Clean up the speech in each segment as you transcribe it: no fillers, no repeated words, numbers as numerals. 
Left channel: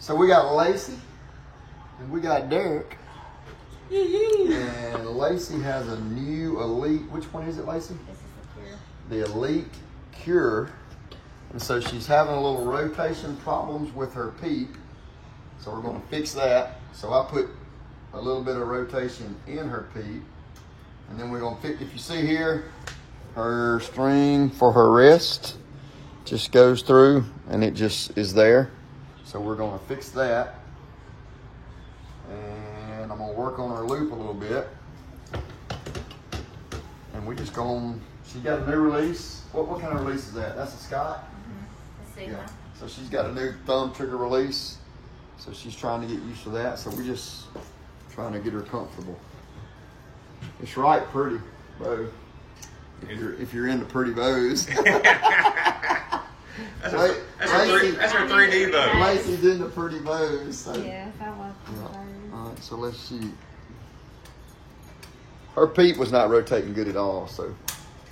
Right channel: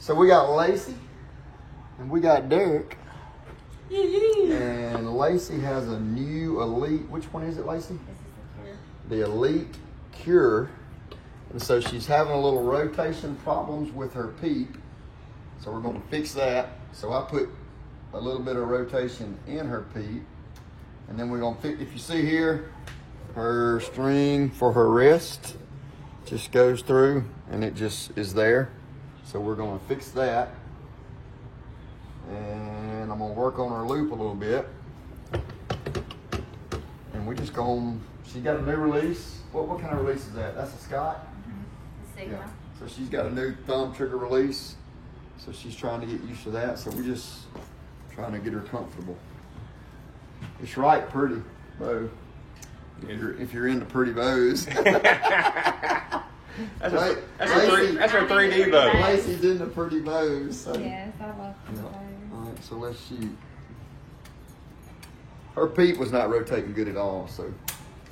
So we got Lacey and we got Derek. And Lacey has a new Elite. Which one is it, Lacey? This is the Cure. The Elite Cure. And so she's having a little rotation problems with her PEEP. So we're going to fix that. So I put a little bit of rotation in her PEEP. And then we're going to fix, if you see here, her string for her wrist just goes through and it just is there. So we're going to fix that. And I'm going to work on her loop a little bit. And we just going, she got a new release. What kind of release is that? That's a Scott? The Sigma. Yeah. So she's got a new thumb trigger release. So she's trying to get used to that. So we just trying to get her comfortable. It's right pretty bow. If you're into pretty bows. That's her 3D bow. Lacey's into pretty bows. So. Yes, I love pretty bows. All right, so let's see. Her PEEP was not rotating good at all, so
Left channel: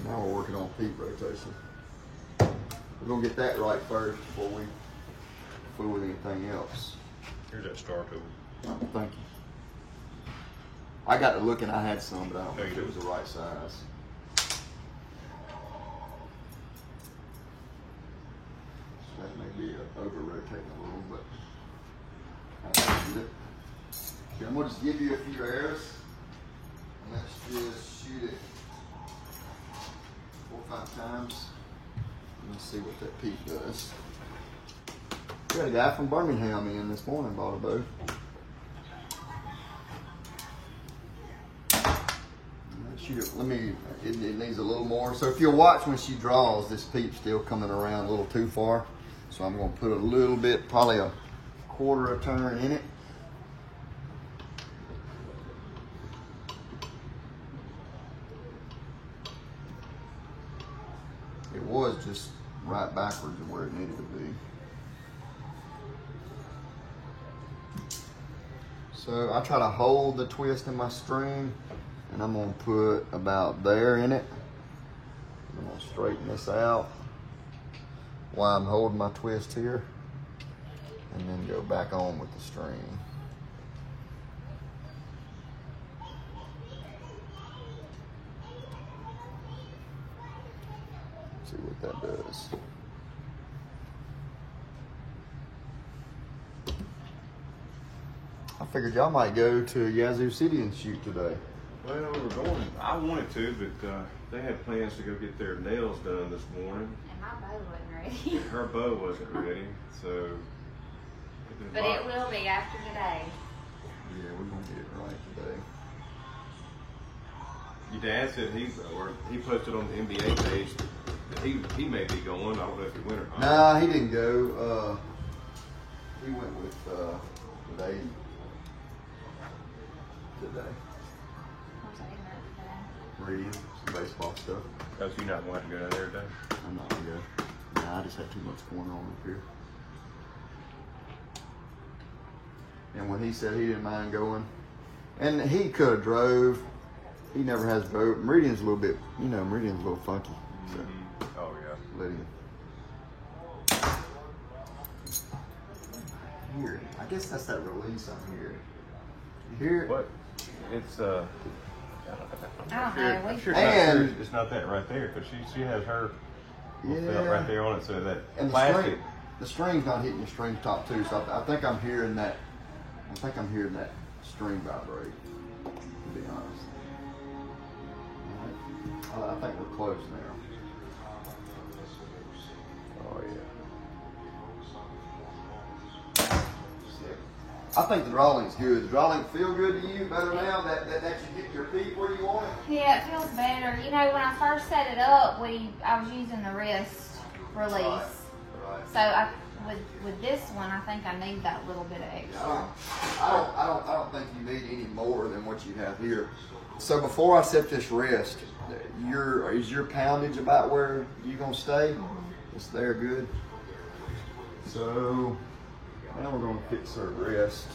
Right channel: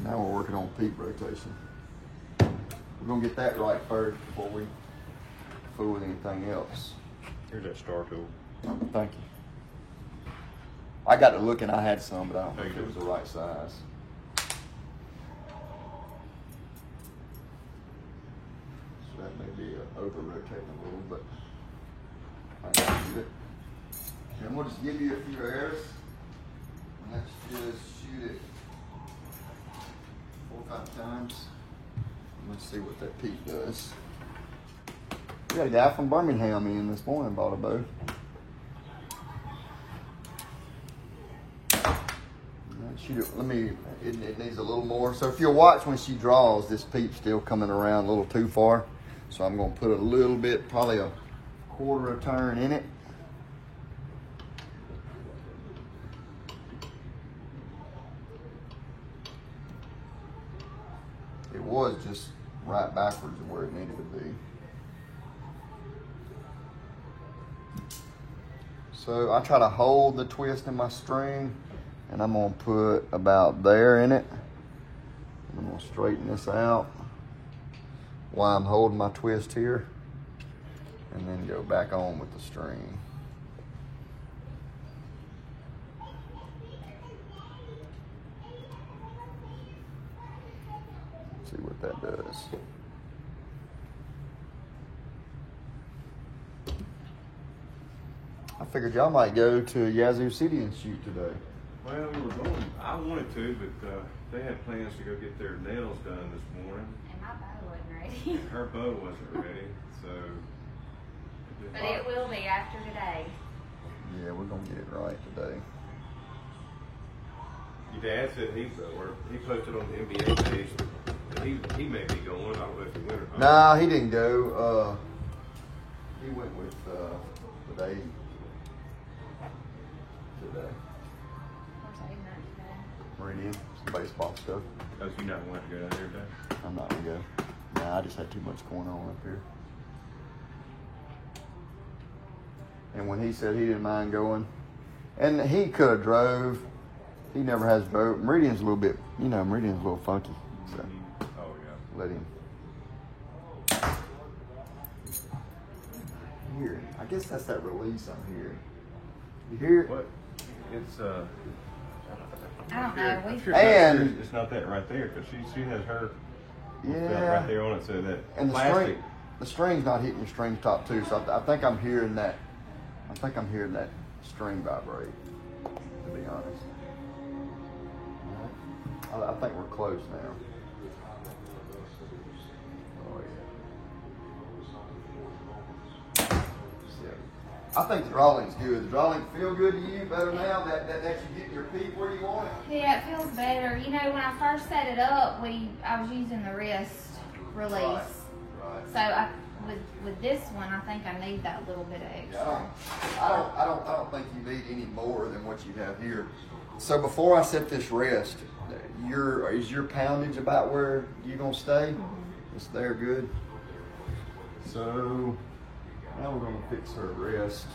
now we're working on PEEP rotation. We're gonna get that right first before we fool with anything else. Here's that star tool. Thank you. I got to look and I had some, but I don't think it was the right size. So that may be over rotating a little, but I can do it. Okay, I'm going to just give you a few airs. And let's just shoot it 4 or 5 times. Let's see what that PEEP does. We got a guy from Birmingham in this morning, bought a bow. Shoot it, it needs a little more. So if you'll watch when she draws, this PEEP's still coming around a little too far. So I'm gonna put a little bit, probably a 1/4 turn in it. It was just right backwards of where it needed to be. So I try to hold the twist in my string, and I'm gonna put about there in it. I'm gonna straighten this out while I'm holding my twist here, and then go back on with the string. See what that does. I figured y'all might go to Yazoo City and shoot today. Well, we were going. I wanted to, but they had plans to go get their nails done this morning. And my bow wasn't ready. Her bow wasn't ready, so. But it will be after today. Yeah, we're gonna get it right today. Your dad said he posted on the NBA page that he may be going. I don't know if he went or not. Nah, he didn't go. He went with the lady today. What's that in that today? Meridian, some baseball stuff. Because you not wanting to go there today. I'm not gonna go. Nah, I just have too much going on up here. And when he said he didn't mind going, and he could have drove. He never has boat. Meridian's a little bit, Meridian's a little funky. So Oh yeah. let him. Here, I guess that's that release I'm hearing. You hear it? What? It's I don't know. And it's not that right there because she has her yeah, right there on it. So that and plastic. the string's not hitting the string top too. So I think I'm hearing that. I think I'm hearing that string vibrate. To be honest, I think we're close now. I think the draw link's good. The draw link feel good to you better now that you get your PEEP where you want it? Yeah, it feels better. You know, when I first set it up, I was using the wrist release. Right. So with this one, I think I need that little bit of extra. I don't think you need any more than what you have here. So before I set this rest, is your poundage about where you're gonna stay? Mm-hmm. It's there good. So now we're gonna fix her rest.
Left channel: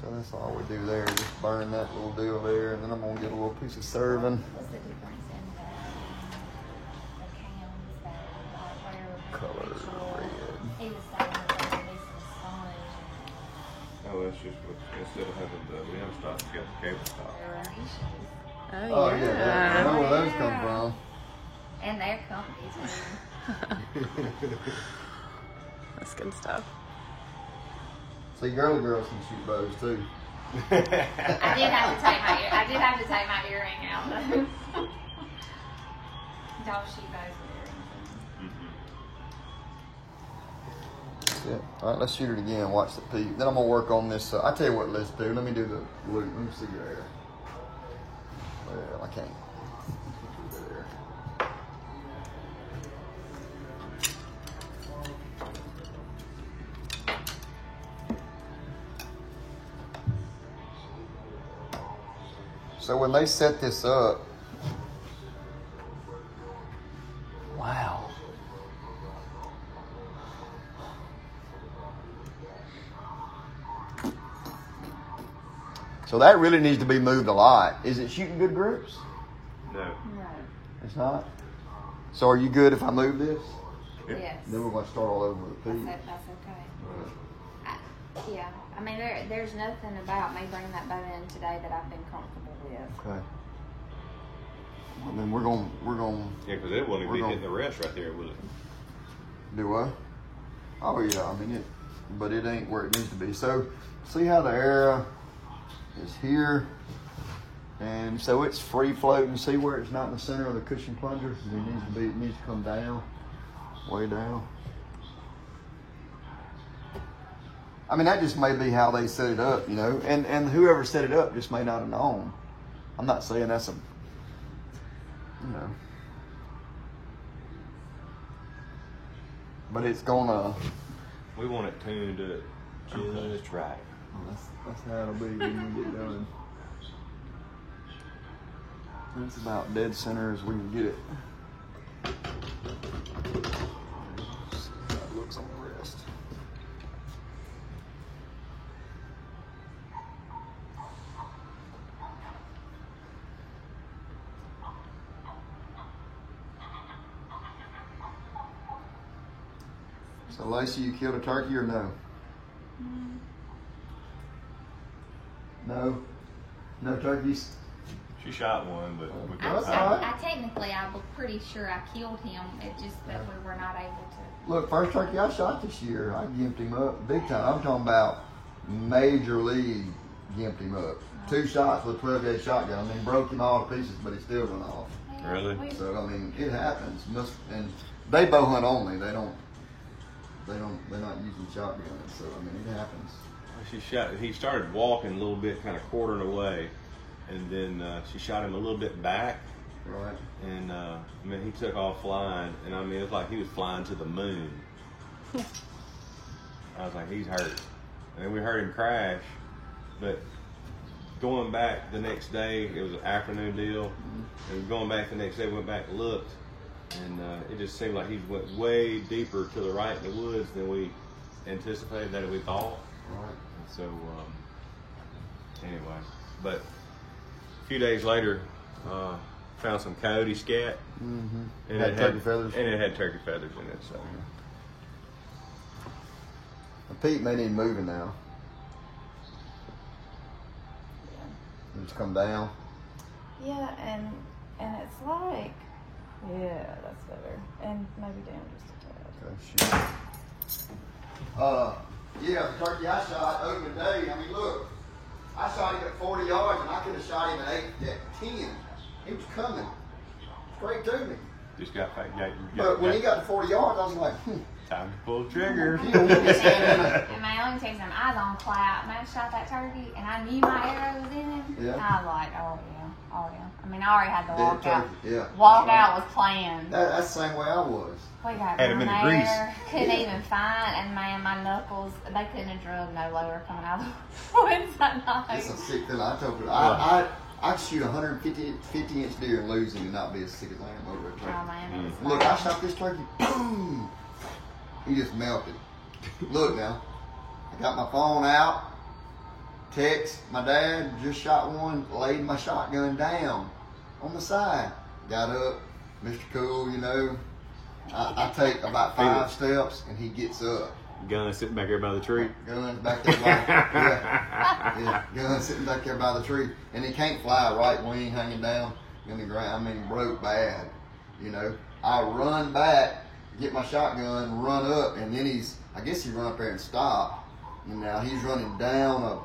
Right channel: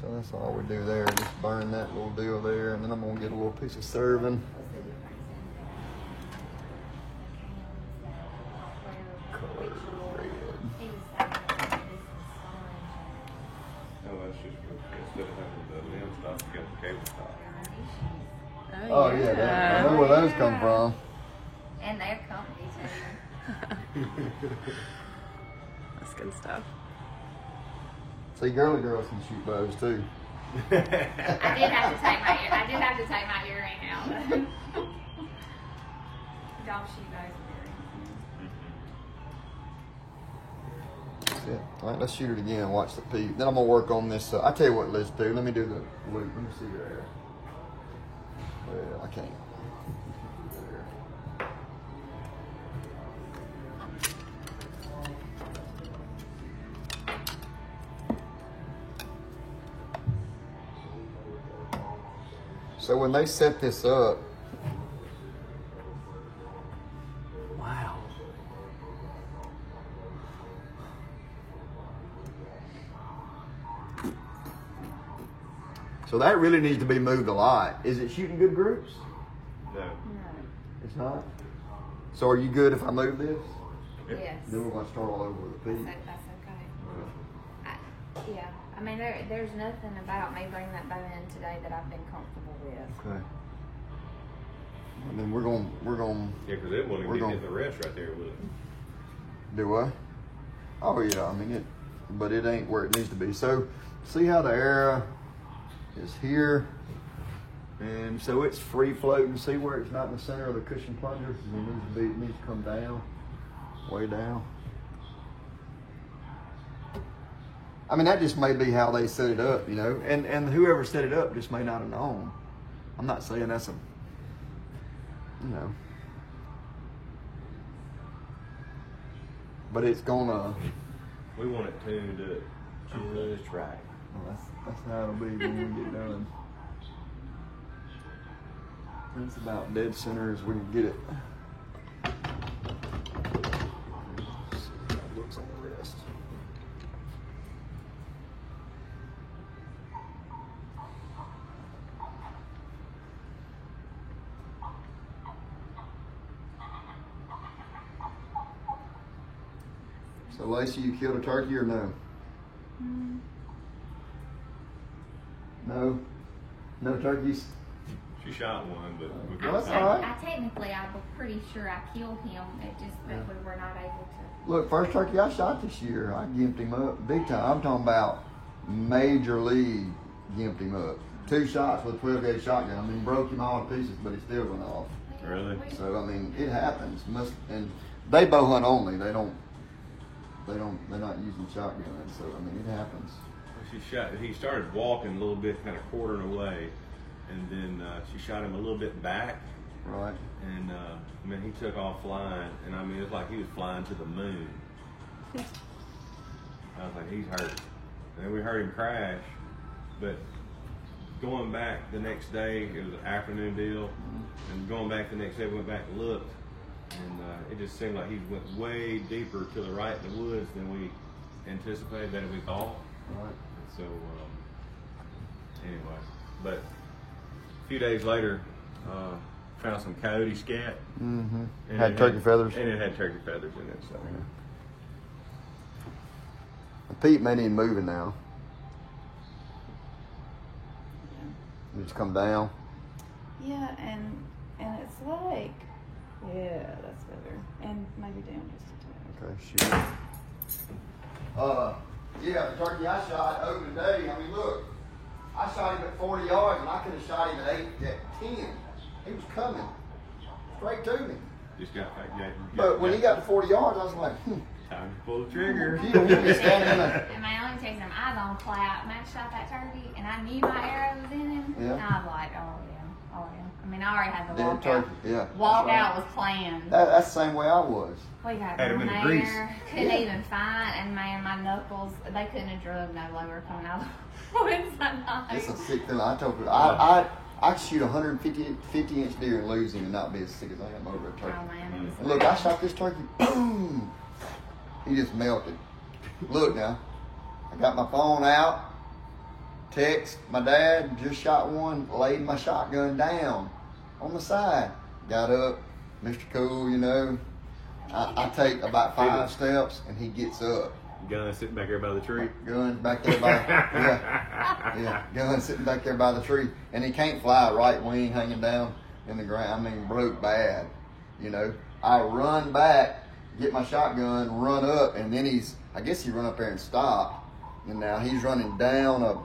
So that's all we do there, just burn that little deal there, and then I'm gonna get a little piece of serving. What's the difference Oh yeah. I know where those come from. And their companies. That's good stuff. See, girly girls can shoot bows too. I did have to take my earring out though. Don't shoot those with Yeah. All right, let's shoot it again. Watch the peep. Then I'm gonna work on this. I tell you what, let's do. Let me do the loop. Let me see your hair. Well, I can't. Do that hair. So when they set this up, wow. So that really needs to be moved a lot. Is it shooting good groups? No. No. It's not? So are you good if I move this? Yes. Then we're going to start all over with the peep. That's okay. Yeah. I mean, there's nothing about me bringing that bow in today that I've been comfortable with. Okay. Well, then we're going Yeah, because it wasn't We're getting gonna- in the rest right there, was it? do what? Oh yeah, I mean but it ain't where it needs to be. So see how the arrow is here, and so it's free floating. See where it's not in the center of the cushion plunger? It needs to come down, way down. I mean, that just may be how they set it up, you know, and whoever set it up just may not have known. I'm not saying that's a, you know, but it's gonna. We want it tuned up just right. Well, that's how it'll be when we get it done. It's about dead center as we can get it. See how it looks on the wrist. So Lacey, you killed a turkey or no? No? No turkeys? She shot one, but we Well, that's couldn't all find right. I was pretty sure I killed him. It just that we were not able to. Look, first turkey I shot this year, I gimped him up big time. I'm talking about major league gimped him up. 2 shots with a 12-gauge shotgun. I mean, broke him all to pieces, but he still went off. Really? So I mean, it happens. And they bow hunt only. They're not using shotguns. So I mean, it happens. He started walking a little bit, kind of quartering away, and then she shot him a little bit back, Right. and I mean, he took off flying, and I mean, it was like he was flying to the moon. I was like, he's hurt. And then we heard him crash, but going back the next day, it was an afternoon deal, and going back the next day, we went back and looked, and it just seemed like he went way deeper to the right in the woods than we anticipated, than we thought. Right. So, anyway, but a few days later, found some coyote scat. Mm-hmm. And Had it turkey feathers. And it had turkey feathers in it. So, The peep may need moving now. Just come down. Yeah, and it's like, yeah, that's better. And maybe down just a tad. Okay, shoot. Yeah, the turkey I shot opening day. I mean, look, I shot him at 40 yards, and I could have shot him at 10. He was coming straight to me. just got back. But when he got to 40 yards, I was like, time to pull the trigger. You don't want me standing in a... And my only taking I was on cloud. Max shot that turkey, and I knew my arrow was in him. Yeah. I was like, oh yeah. I mean, I already had the Dead walk out. turkey, yeah. Walk out was planned. That's the same way I was. We got Had him down in the grease. there, couldn't Yeah. even find, and man, my knuckles, they couldn't have drug no lower coming out of the woods that night. It's a sick thing. I told you, I'd shoot 50-inch deer and lose him and not be as sick as I am over a turkey. Oh man, it was And look, I shot this turkey, boom! He just melted. Look now, I got my phone out, text my dad, just shot one, laid my shotgun down on the side. Got up, Mr. Cool, you know. I take about 5 steps and he gets up. Gun sitting back there by the tree. Guns back there by yeah, Guns sitting back there by the tree, and he can't fly. Right wing hanging down in the ground. I mean, broke bad. You know, I run back, get my shotgun, run up, and then I guess he run up there and stop. And now he's running down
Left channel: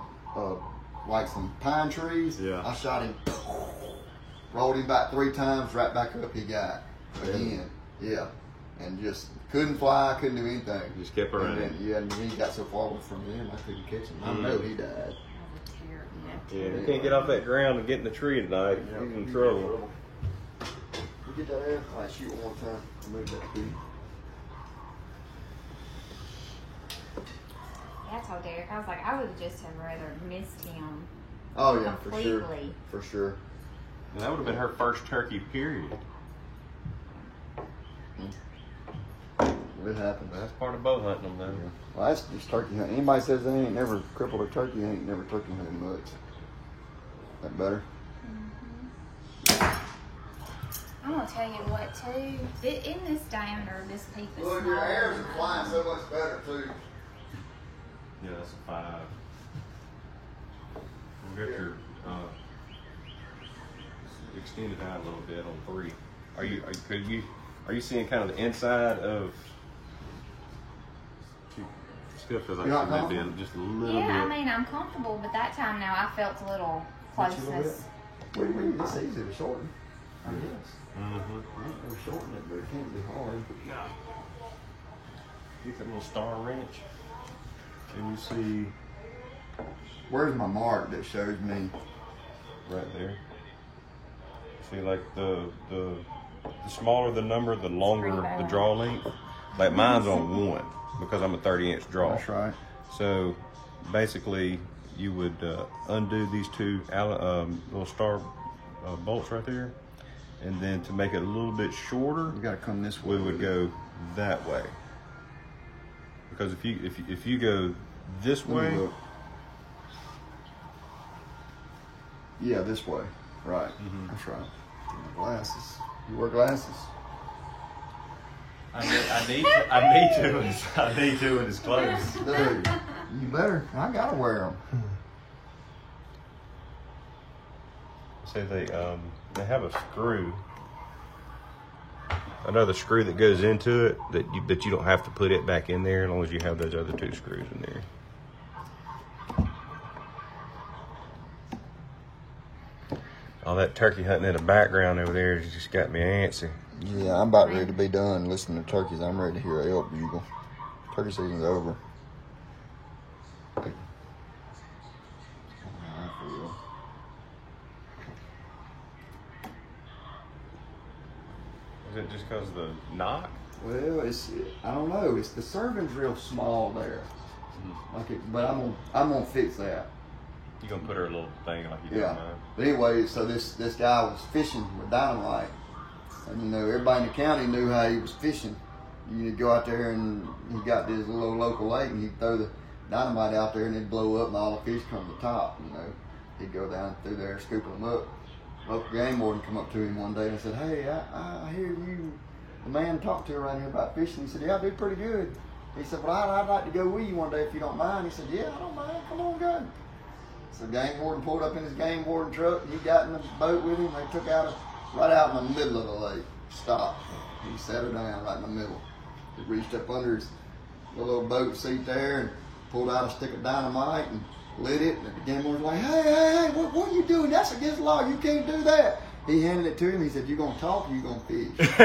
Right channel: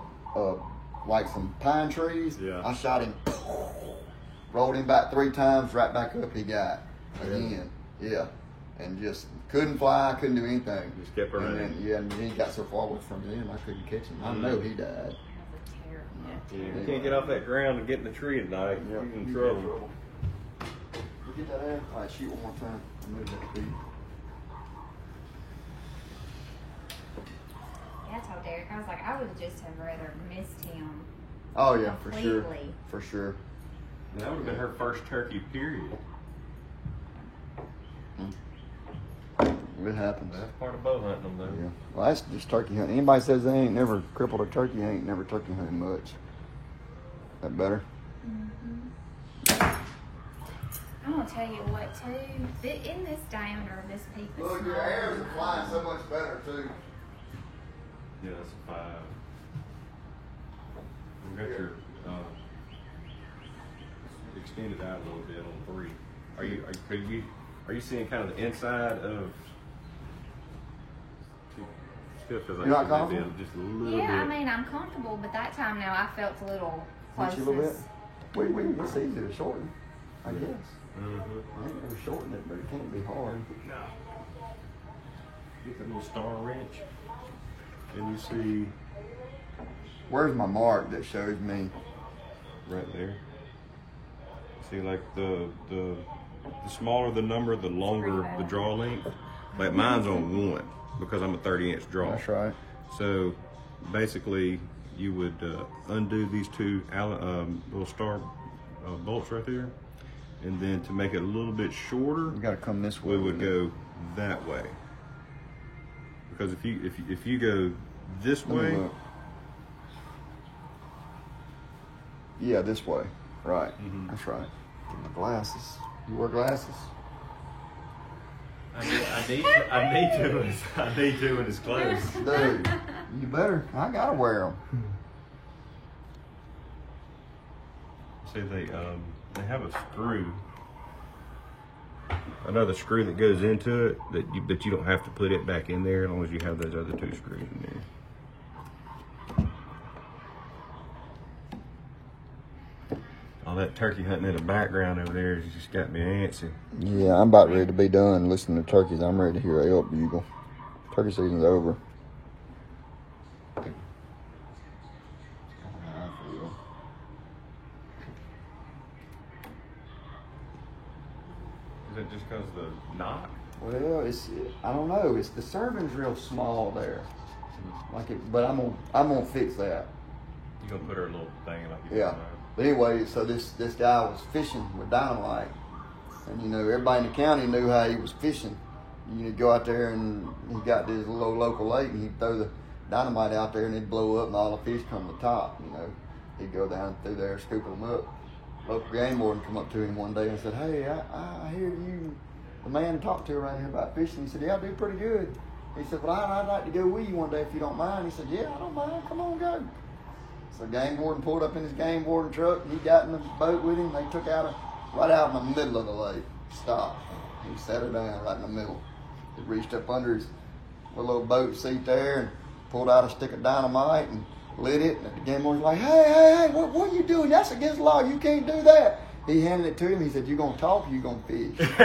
like some pine trees. Yeah. I shot him, rolled him back 3 times, right back up he got again. Yeah. And just couldn't fly, couldn't do anything. Just kept running. And then he got so far away from him, I couldn't catch him. I know he died. Yeah, you can't get off that ground and get in the tree tonight. You're in trouble. We get that ass. All right, shoot one more time. Move that feet. Yeah, I told Derek, I was like, I would just have rather missed him. Oh yeah, Completely. for sure. And that would have been her first turkey, period. It happens. That's part of bow hunting, though. Well, that's just turkey hunting. Anybody says they ain't never crippled a turkey, ain't never turkey hunting much. That better? I'm gonna tell you what too. In this diameter, this peep is Look, smaller. your hairs are flying so much better too. Yeah, that's a 5. We got your extended out a little bit on 3. Are you seeing kind of the inside of? Still feels like You're not she might be comfortable? just a little Yeah, bit. I mean, I'm comfortable, but that time now I felt a little Just a little bit. closeness. It's easy to shorten, I guess. Mm-hmm. I ain't never shortened it, but it can't be hard. Get that little star wrench, and you see Where's my mark that shows me? right there. See, like the smaller the number, the longer the draw length. Like mine's on 1 because I'm a 30-inch draw. That's right. So basically, you would undo these 2 little star bolts right there, and then to make it a little bit shorter, We gotta come this way. we would go that way. Because if you go this Let me way, look. Yeah, this way. Right. That's right. Glasses. You wear glasses? I need to when it's close. Dude, you better. I gotta wear them. see they have a screw, another screw that goes into it but you don't have to put it back in there as long as you have those other 2 screws in there. All that turkey hunting in the background over there just got me antsy. Yeah, I'm about ready to be done listening to turkeys. I'm ready to hear an elk bugle. Turkey season's over. Is it just because of the knock? Well, I don't know. It's the serving's real small there. Like it, but I'm gonna fix that. You gonna put her a little thing like you Yeah. But anyway, so this guy was fishing with dynamite, and you know everybody in the county knew how he was fishing. You go out there and he got this little local lake, and he'd throw the dynamite out there, and it'd blow up, and all the fish come to the top. You know, he'd go down through there scooping them up. Local game warden come up to him one day and said, "Hey, I hear you, the man talked to around here about fishing." He said, "Yeah, I do pretty good." He said, "Well, I'd like to go with you one day if you don't mind." He said, "Yeah, I don't mind. Come on, go." So game warden pulled up in his game warden truck. He got in the boat with him. They took out right out in the middle of the lake. Stopped. He set her down right in the middle. He reached up under his little boat seat there and pulled out a stick of dynamite and lit it. And the game warden was like, "Hey, what are you doing? That's against the law. You can't do that." He handed it to him. He said, "You gonna talk or you gonna fish?" Yeah,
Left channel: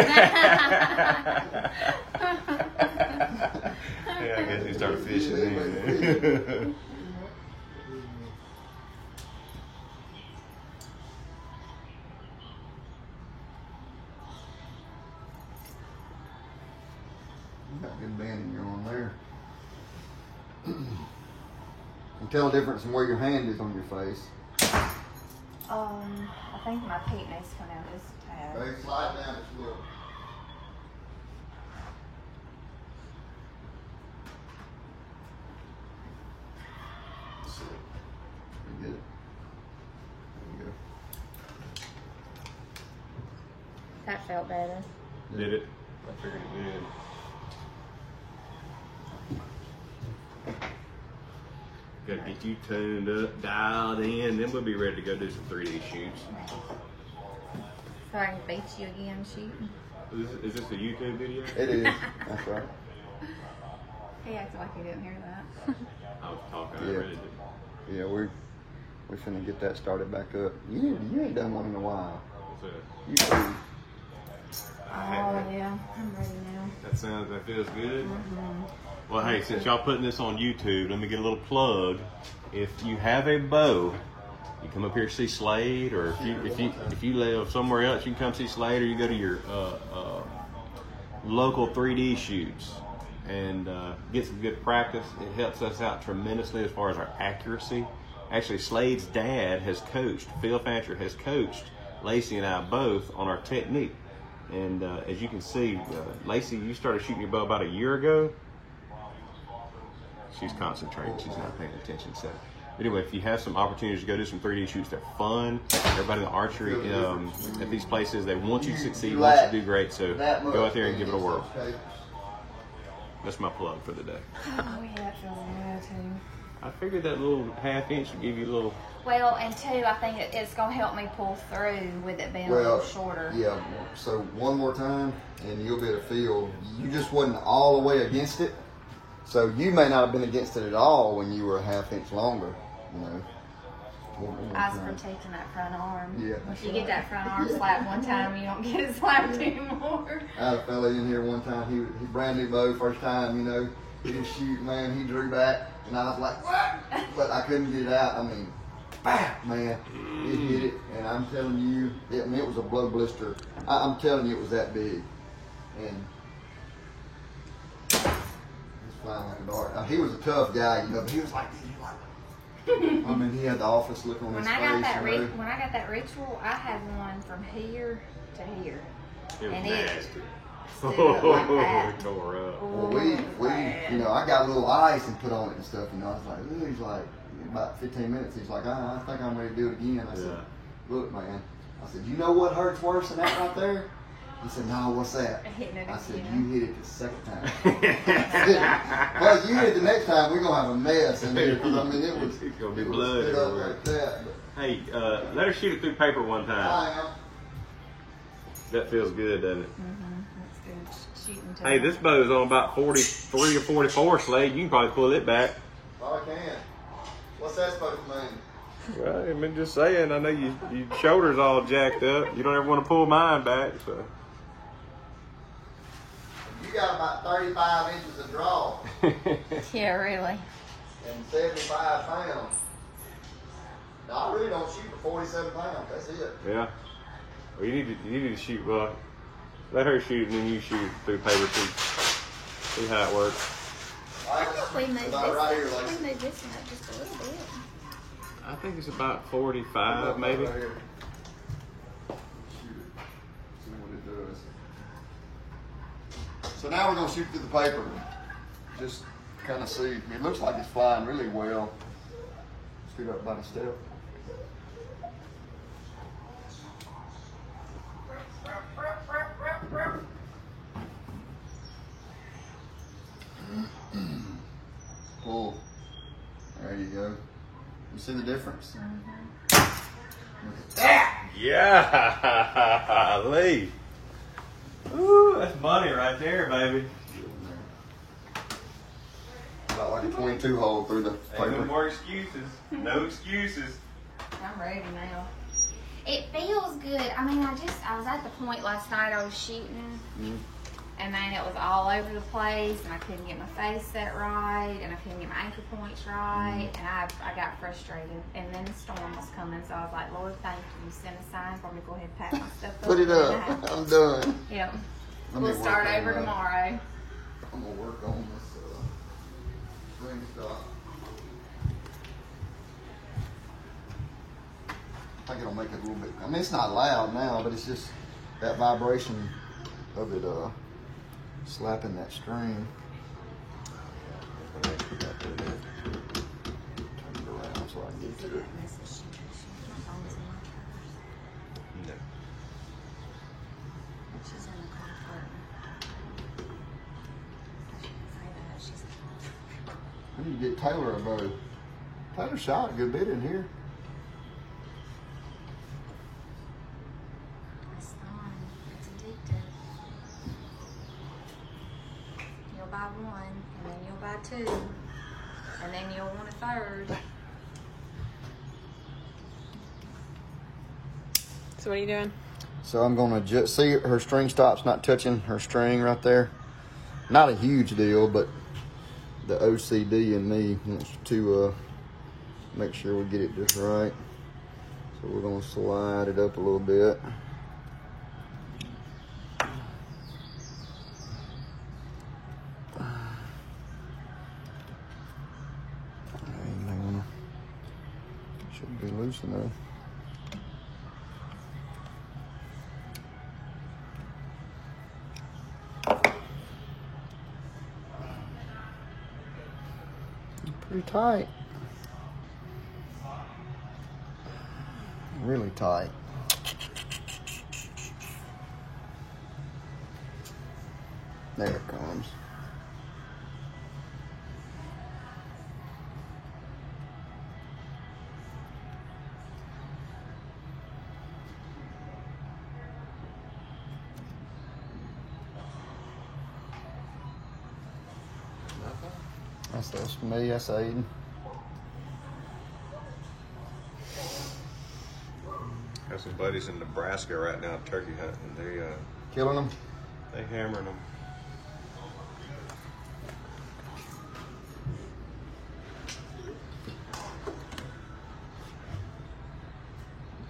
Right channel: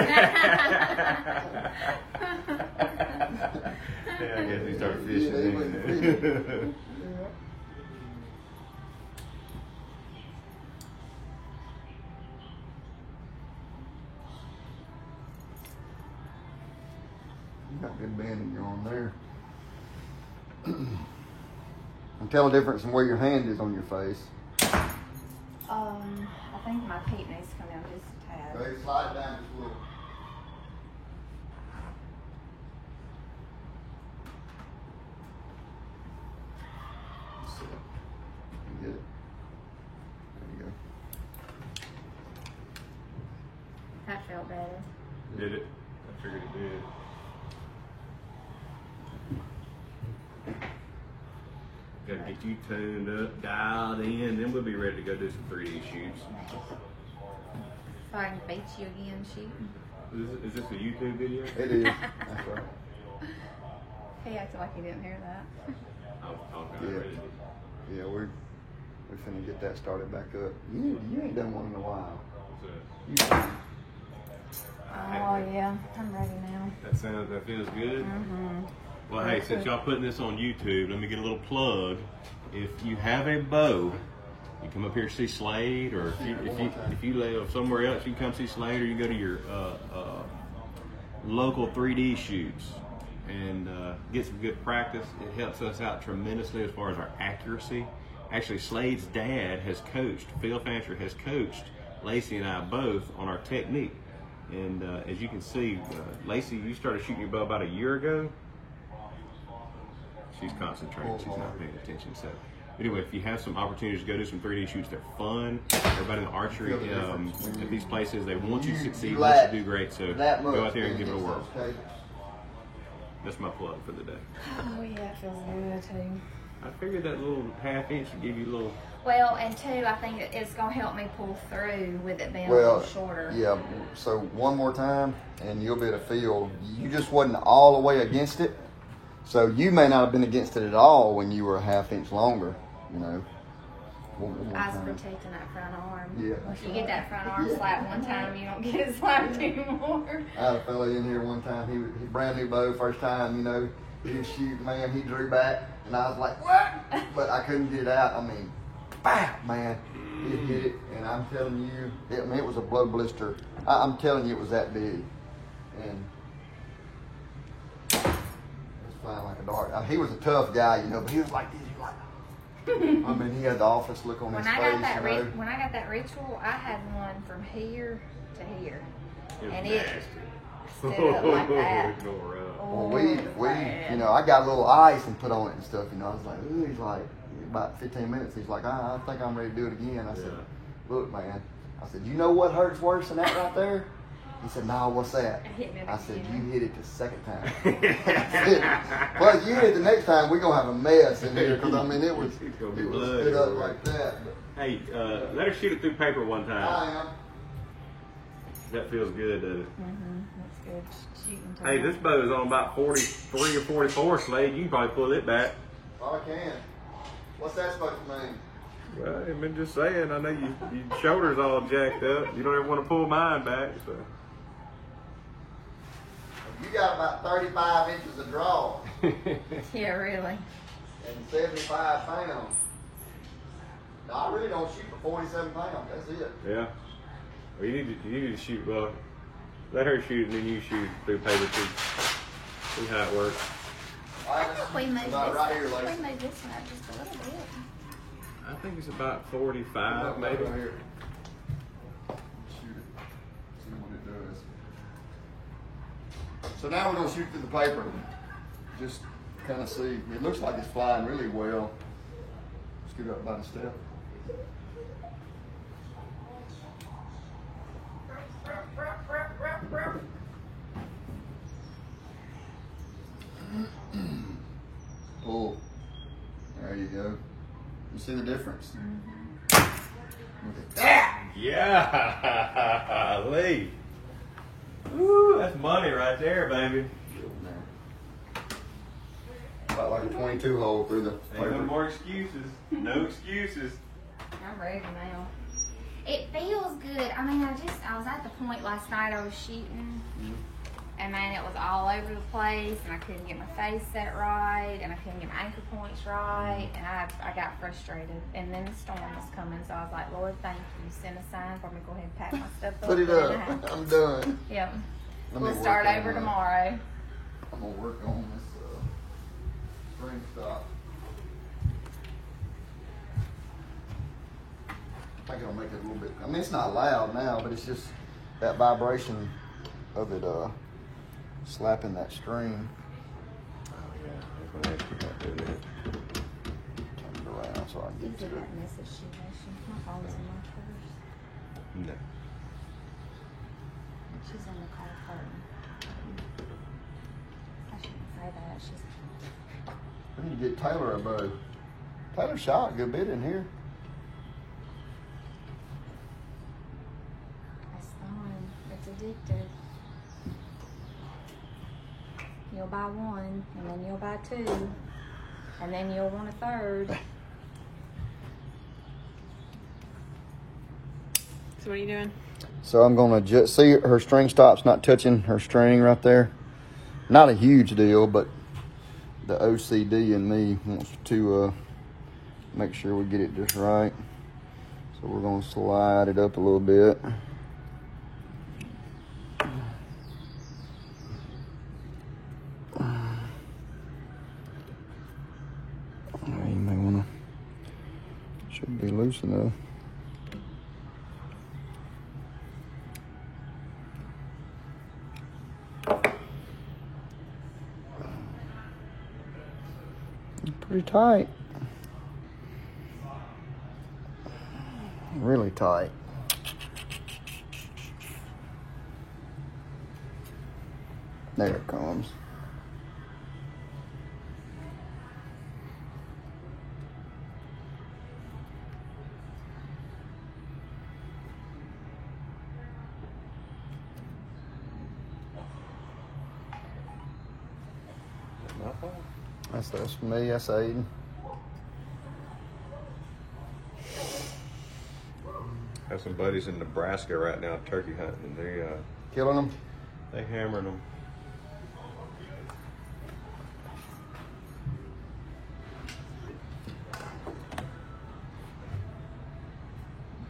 I guess you start Yeah, fishing. he went fishing. You got good banding you're on there. And tell the difference in where your hand is on your face. I think my feet needs to come down just a tad. Very slide down just a little. That's it. You get it. There you go. That felt better. Did it? I figured it did. Gotta get you tuned up, dialed in, then we'll be ready to go do some 3D shoots. So I can beat you again shooting. Is this a YouTube video? It is. That's right. He acted like he didn't hear that. I was talking Yeah. already. Yeah, we're finna get that started back up. You ain't done one in a while. You too. Oh yeah, I'm ready now. That feels good. Well, hey, since y'all putting this on YouTube, let me get a little plug. If you have a bow, you come up here to see Slade, or if you live somewhere else, you can come see Slade, or you go to your local 3D shoots and get some good practice. It helps us out tremendously as far as our accuracy. Actually, Slade's dad has coached, Phil Fancher has coached Lacey and I both on our technique. And as you can see, Lacey, you started shooting your bow about a year ago. She's concentrating, she's not paying attention. So anyway, if you have some opportunities to go do some 3D shoots, they're fun. Everybody in archery at these places, they want you to succeed, want you to do great. So go out there and give it a whirl. That's my plug for the day. Oh yeah, it feels good too. I figured that little ½ inch would give you a little. Well, and two, I think it's going to help me pull through with it being a little shorter. Yeah, so one more time and you'll be able to feel, you just wasn't all the way against it. So you may not have been against it at all when you were a ½ inch longer, you know. I was protecting that front arm. Yeah. You get that front arm slapped one time, you don't get it slapped anymore. I had a fella in here one time, he brand new bow, first time, you know, he was shooting, man, he drew back, and I was like, what? But I couldn't get it out. I mean, bah, man, it hit it, and I'm telling you, it was a blood blister. I'm telling you, it was that big, and it's flying like a dart. I mean, he was a tough guy, you know, but he was like this. I mean, he had the office look on his face. When I got that ritual, I had one from here to here, and it stood up like that. Well, we, you know, I got a little ice and put on it and stuff. You know, I was like, ooh, he's like, about 15 minutes. He's like, I think I'm ready to do it again. I said, look, man. I said, you know what hurts worse than that right there? He said, no, what's that? I said, you hit it the second time. Well, you hit it the next time, we're going to have a mess in here. Because, I mean, it was spit up like that. Hey, let her shoot it through paper one time. That feels good, doesn't it? That's good shooting too. Hey, this bow is on about 43 or 44, Slade. You can probably pull it back. I can. What's that supposed to mean? Well, I mean, just saying, I know your shoulder's all jacked up. You don't ever want to pull mine back, so. You got about 35 inches of draw. Yeah, really. And 75 pounds. No, I really don't shoot for 47 pounds. That's it. Yeah. Well, you need to shoot, let her shoot and then you shoot through paper too. See how it works. I think we made this one up just a little bit. I think it's about 45 maybe. Shoot it. See what it does. So now we're going to shoot through the paper. Just kind of see. It looks like it's flying really well. Scoot up by the step. Pull. There you go. You see the difference? Look at that. Yeah, Lee. Ooh, that's money right there, baby. About like a 22 hole through the Ain't no paper. more excuses. No excuses. I'm ready now. It feels good. I mean, I was at the point last night I was shooting, and then it was all over the place, and I couldn't get my face set right, and I couldn't get my anchor points right, and I got frustrated. And then the storm was coming, so I was like, Lord, thank you. Send a sign for me to go ahead and pack my stuff up. Put it up. I'm done. Yep. Let me We'll work start on over that. tomorrow. I'm gonna work on this spring stop. I think it'll make it a little bit. I mean, it's not loud now, but it's just that vibration of it slapping that string. Turn it around so I can get to it. My phone's in my purse. She's in the car party. I shouldn't say that. She's. Where do you get Taylor a bow? Had her shot a good bit in here. It's fun. It's addictive. You'll buy one, and then you'll buy two, and then you'll want a third. So what are you doing? So I'm gonna just see her string stop's not touching her string right there. Not a huge deal, but the OCD in me wants to make sure we get it just right. So we're gonna slide it up a little bit. Should be loose enough. Pretty tight. Really tight. There it comes. That's me, that's Aiden. Have some buddies in Nebraska right now turkey hunting. They Killing them? they hammering them.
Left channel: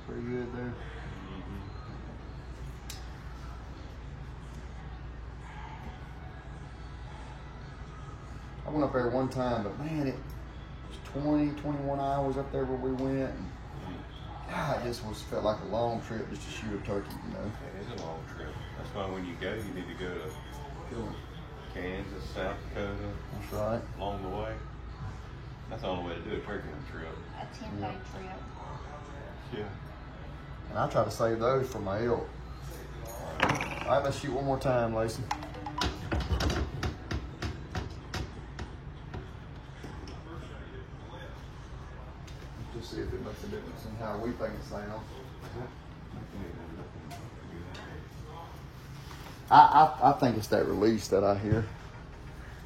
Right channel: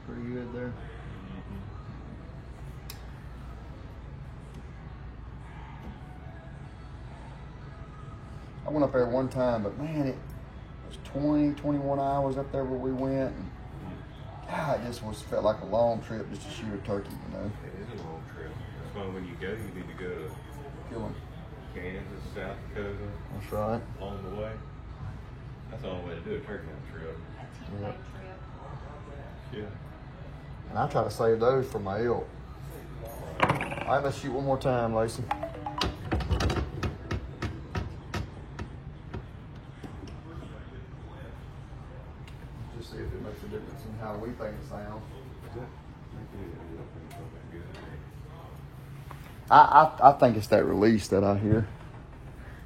Pretty good there. I went up there one time, but man, it was 20, 21 hours up there where we went. And God, it just felt like a long trip just to shoot a turkey, you know. It is a long trip. That's why when you go, you need to go to Killing. Kansas, South Dakota, That's right. along the way. That's the only way to do a turkey trip. A 10-day trip. Yeah. And I try to save those for my elk. All right, let's shoot one more time, Lacey. Just see if it makes a difference in how we think it sounds. I think it's that release that I hear.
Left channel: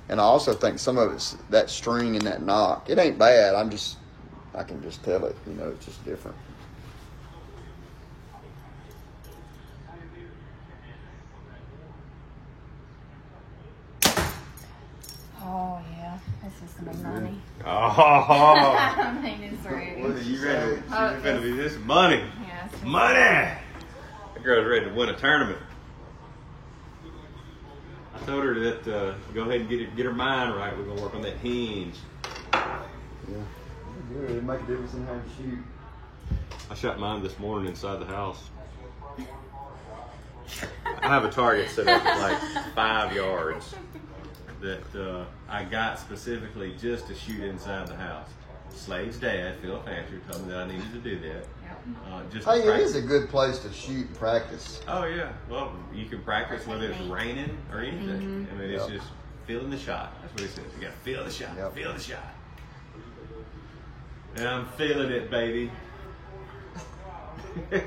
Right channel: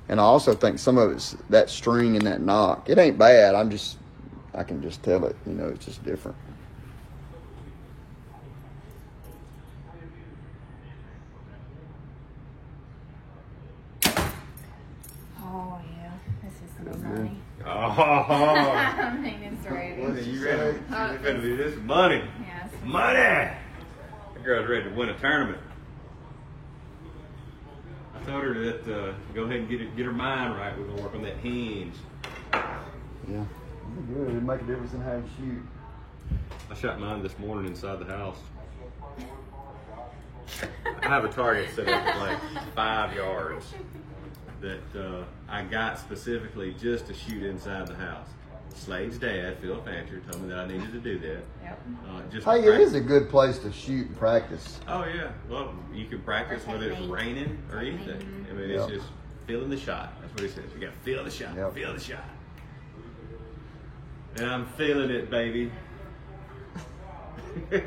And I also think some of it's that string and that knock. It ain't bad. I can just tell it, you know, it's just different. Oh, yeah. This is some money. Oh, I mean, it's ready. you ready? Oh, It's gonna be this money. Yeah, it's Money! That girl's ready to win a tournament. I told her that go ahead and get her mind right. We're gonna work on that hinge. Yeah. Good. It make a difference in how you shoot. I shot mine this morning inside the house. I have a target set up at like 5 yards that I got specifically just to shoot inside the house. Slade's dad, Phil Fancher, told me that I needed to do that. Yep. Just Hey, to it is practice. a good place to shoot and practice. Oh yeah, well you can practice whether it's raining or anything. I mean, it's just feeling the shot. That's what he says. You got to feel the shot. Yep. Feel the shot. And I'm feeling it, baby. It's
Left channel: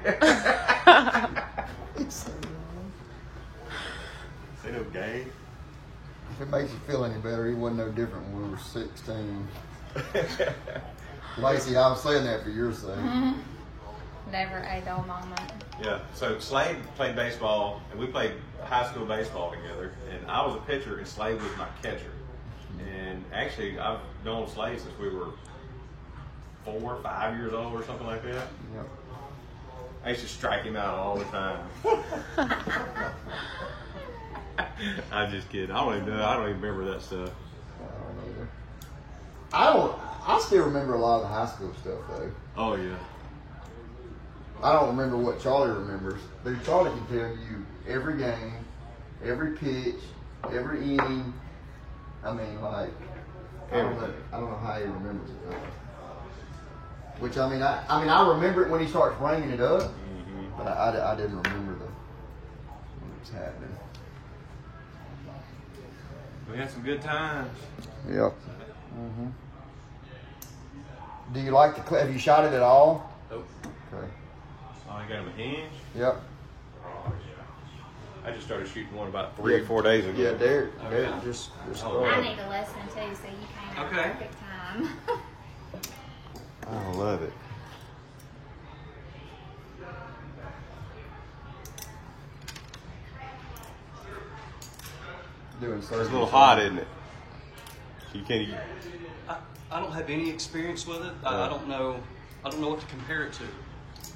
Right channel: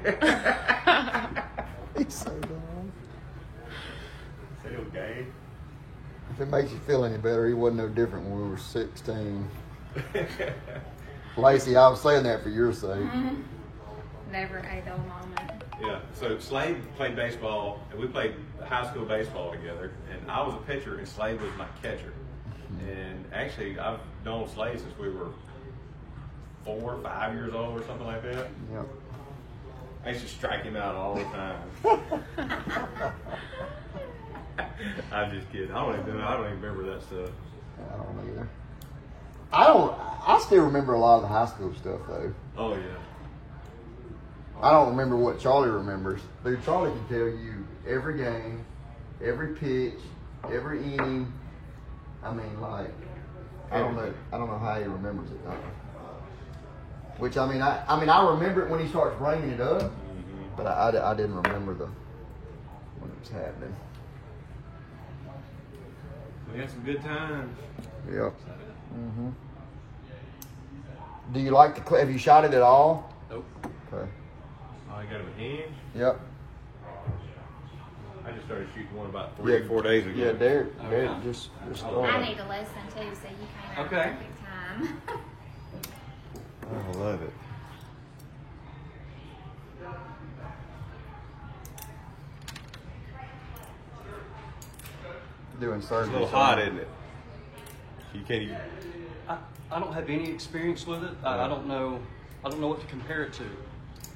so dumb. Ain't no game. If it makes you feel any better, he wasn't no different when we were 16. Lacey, I was saying that for your sake. Never a dull moment. Yeah. So Slade played baseball, and we played high school baseball together. And I was a pitcher, and Slade was my catcher. And actually, I've known Slade since we were 4 or 5 years old or something like that. Yeah. I used to strike him out all the time. I'm just kidding. I don't even remember that stuff. I still remember a lot of the high school stuff though. Oh yeah. I don't remember what Charlie remembers. Dude, Charlie can tell you every game, every pitch, every inning. I mean, like, I don't know how he remembers it. Which I mean, I remember it when he starts bringing it up, but I didn't remember when it was happening. We had some good times. Yep. Mm-hmm. Do you like the clip? Have you shot it at all? Nope. Okay. So I got a hinge. Yep. I just started shooting one about 3 or 4 days ago. Yeah, Derek. Okay. Derek just I need a lesson too, so you came at Okay. a perfect time. I love it. doing surgery. It's a little hot, isn't it? So you can't. I don't have any experience with it. I don't know. I don't know what to compare it to.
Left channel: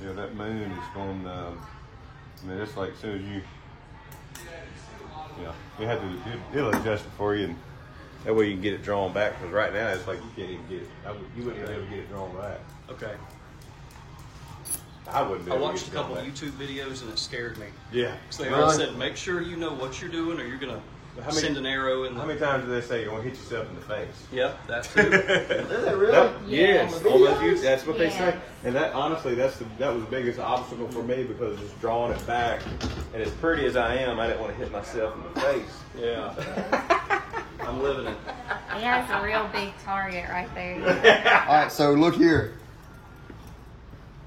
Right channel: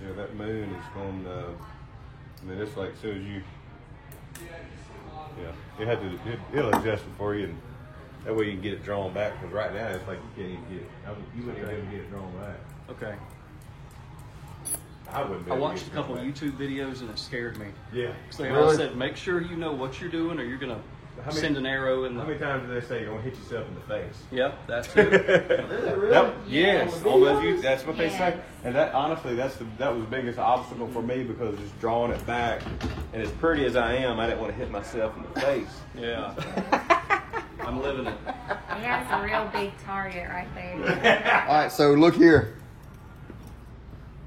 Yeah, that moon is going. I mean, it's like as soon as you. Yeah, you have to. It'll adjust it for you, and that way you can get it drawn back. Because right now it's like you can't even get it. You wouldn't be able to get it drawn back. Okay. I wouldn't be I able watched to a get it couple drawn of YouTube videos and it scared me. back. Yeah. So they Really? all said, make sure you know what you're doing, or you're gonna How many- send an arrow. And How many times do they say you're gonna hit yourself in the face? yeah, that's it. Yep. Yes. Yes, all those YouTube, that's what they Yes. say. And that honestly, that was the biggest obstacle for me because it's drawing it back. And as pretty as I am, I didn't want to hit myself in the face. Yeah. I'm living it. He has a real big target right there. All right, so look here.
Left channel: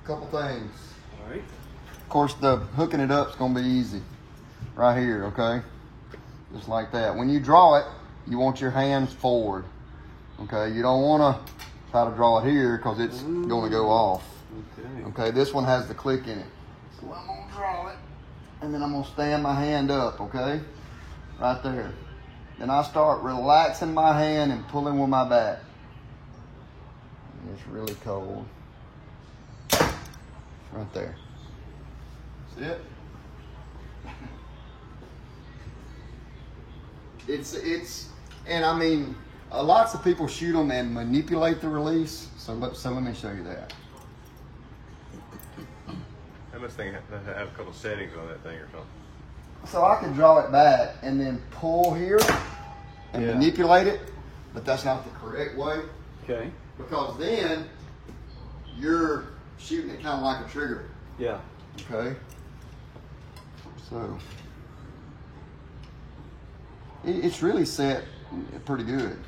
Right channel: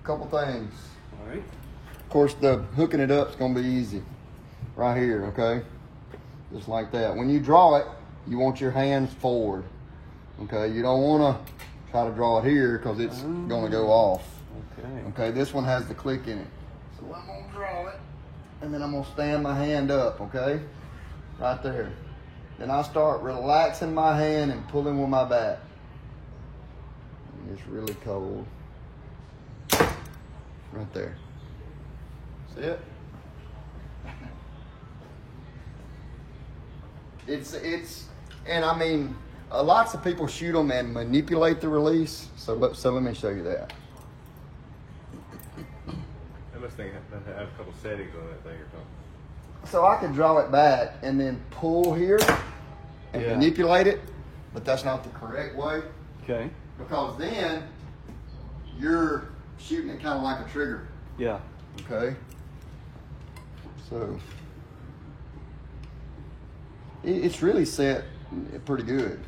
Couple things. All right. Of course, the hooking it up is going to be easy. Right here, okay? Just like that. When you draw it, you want your hands forward. Okay, you don't want to try to draw it here because it's going to go off. Okay, this one has the click in it. So I'm going to draw it, and then I'm going to stand my hand up, okay? Right there. Then I start relaxing my hand and pulling with my bat. It's really cold. Right there. See it? It's, and I mean, lots of people shoot them and manipulate the release. So let me show you that. I must think I have a couple settings on that thing or something. So I could draw it back and then pull here and Yeah. manipulate it, but that's not the correct way Okay. because then you're shooting it kind of like a trigger. Yeah. Okay. So it's really set pretty good.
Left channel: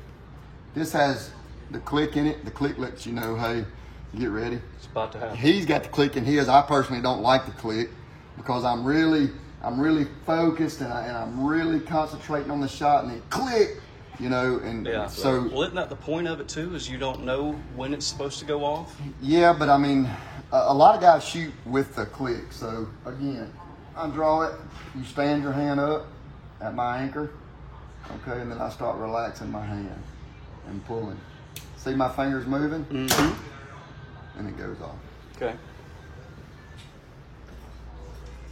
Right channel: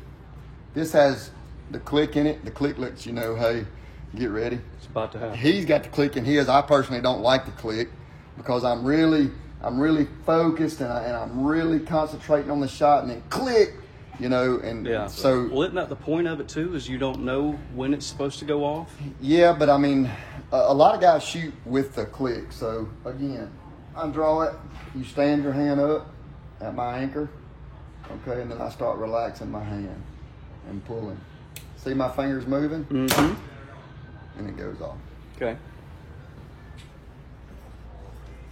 This has the click in it. The click lets you know, hey, get ready. It's about to happen. He's got the click in his. I personally don't like the click because I'm really focused and I'm really concentrating on the shot and then click, you know, and Yeah. so Well, isn't that the point of it too? Is you don't know when it's supposed to go off. yeah, but I mean, a lot of guys shoot with the click. So again, I draw it. You stand your hand up at my anchor, okay, and then I start relaxing my hand and pulling. See my fingers moving, Mm-hmm. and it goes off. Okay.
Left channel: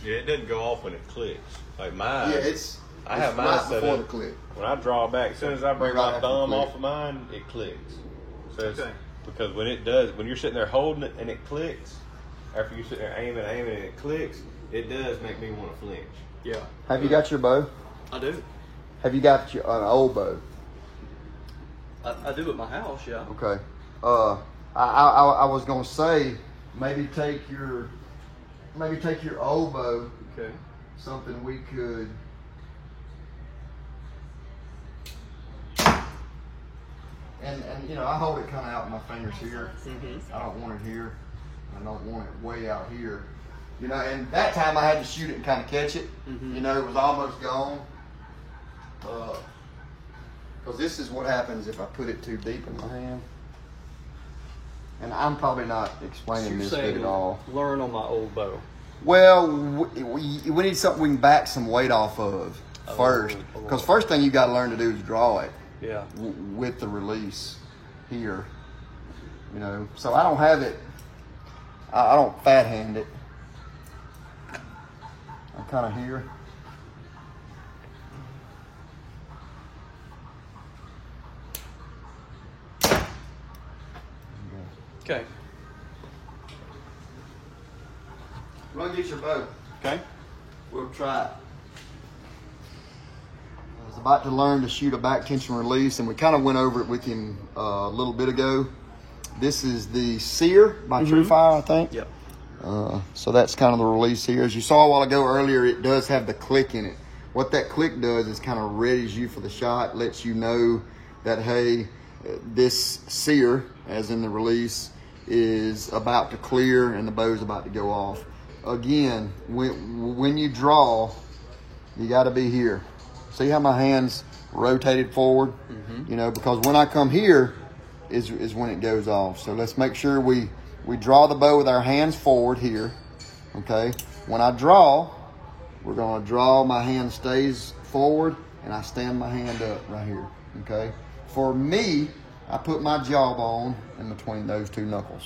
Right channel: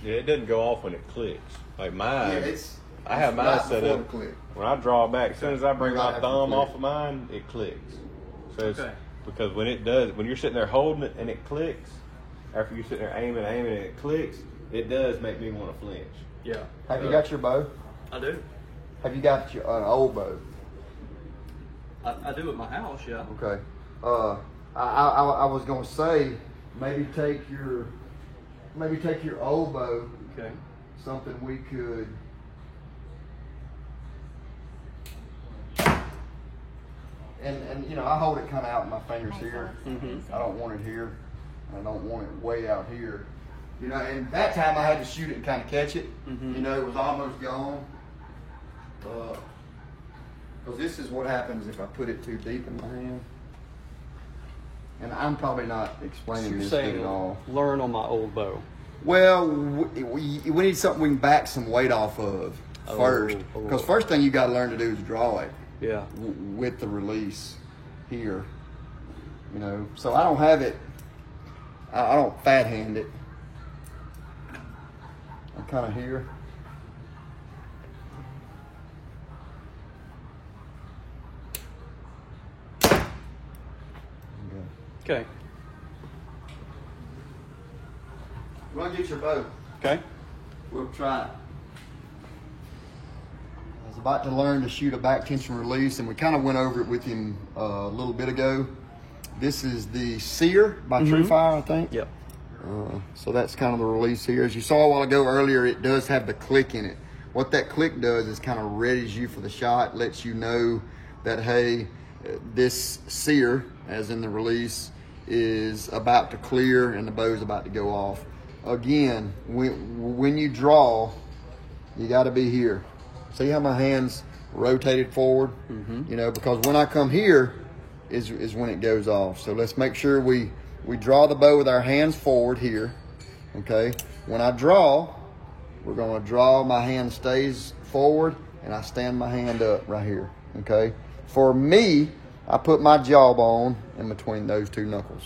Yeah, it doesn't go off when it clicks. Like mine. I have mine right set before up. the click. When I draw back, as soon as I bring Right my after the thumb click. off of mine, it clicks. So it's, Okay. because when it does, when you're sitting there holding it and it clicks, after you sit there aiming and it clicks, it does make me want to flinch. Yeah. Have you got your bow? I do. Have you got your an old bow? I do at my house. Yeah. Okay. I was gonna say maybe take your old bow. Okay. Something we could. And you know, I hold it kind of out in my fingers here. Mm-hmm. I don't want it here. I don't want it way out here. You know, and that time I had to shoot it and kind of catch it. Mhm. You know, it was almost gone. Because this is what happens if I put it too deep in my hand. And I'm probably not explaining this good at all. Learn on my old bow. Well, we need something we can back some weight off of first. Oh. Because first thing you got to learn to do is draw it Yeah. with the release here. You know, so I don't have it. I don't fat hand it. I'm kind of here. Okay. Run, get your bow. Okay. We'll try it. I was about to learn to shoot a back tension release, and we kind of went over it with him a little bit ago. This is the Sear by True Fire, I think. Yeah. So that's kind of the release here. As you saw a while ago earlier, it does have the click in it. What that click does is kind of readies you for the shot, lets you know that, hey, this Sear, as in the release, is about to clear and the bow is about to go off. Again, when you draw, you got to be here. See how my hand's rotated forward? You know, because when I come here is when it goes off. So let's make sure we draw the bow with our hands forward here, okay? When I draw, we're gonna draw, my hand stays forward and I stand my hand up right here, okay? For me, I put my jawbone in between those two knuckles.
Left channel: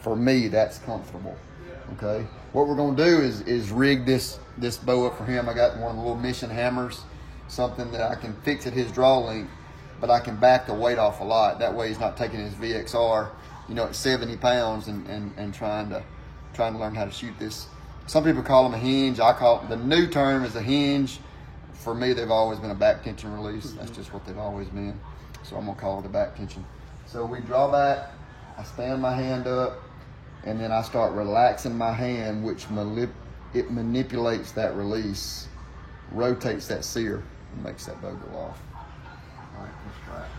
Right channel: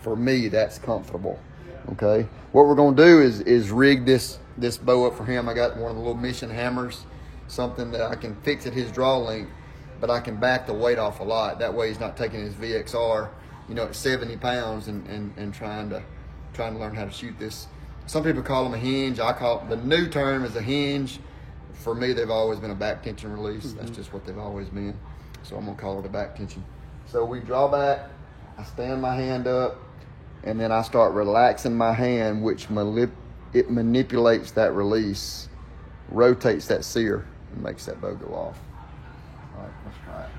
For me, that's comfortable, okay? What we're gonna do is rig this bow up for him. I got one of the little mission hammers, something that I can fix at his draw length, but I can back the weight off a lot. That way he's not taking his VXR, you know, at 70 pounds and trying to learn how to shoot this. Some people call them a hinge. I call it, the new term is a hinge. For me, they've always been a back tension release. That's just what they've always been. So I'm gonna call it a back tension. So we draw back, I stand my hand up, and then I start relaxing my hand, which it manipulates that release, rotates that sear, and makes that bow go off. All right, let's try it.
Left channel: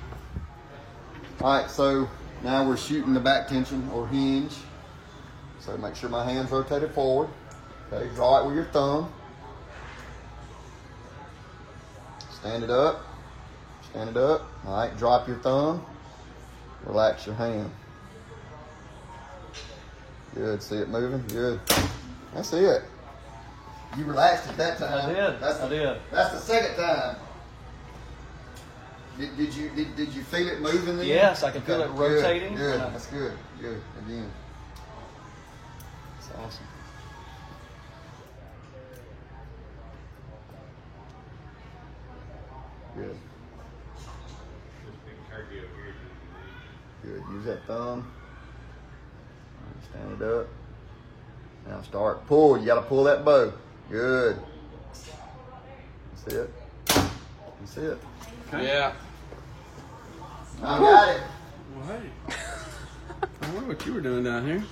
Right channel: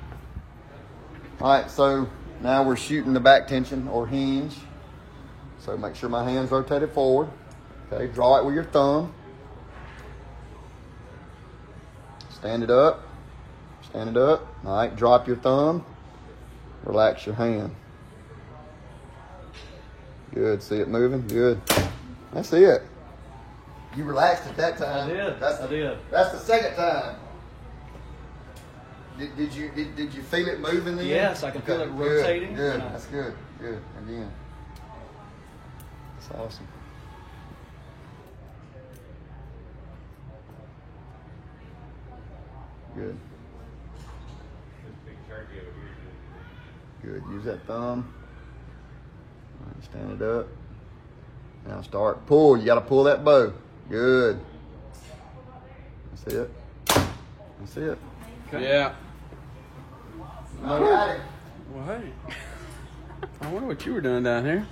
All right, so now we're shooting the back tension or hinge. So make sure my hand's rotated forward. Okay, draw it with your thumb. Stand it up. Stand it up. All right, drop your thumb. Relax your hand. Good, see it moving? Good. That's it. You relaxed at that time. I did. I did. That's the second time. Did you feel it moving then? Yes, I can feel it rotating. Good. That's good. Good. Again. That's awesome. Good. Good. Use that thumb. Stand it up. Now start. Pull. You got to pull that bow. Good. That's it. That's it. Okay. Yeah. I got it. Well, hey. I wonder what you were doing down here.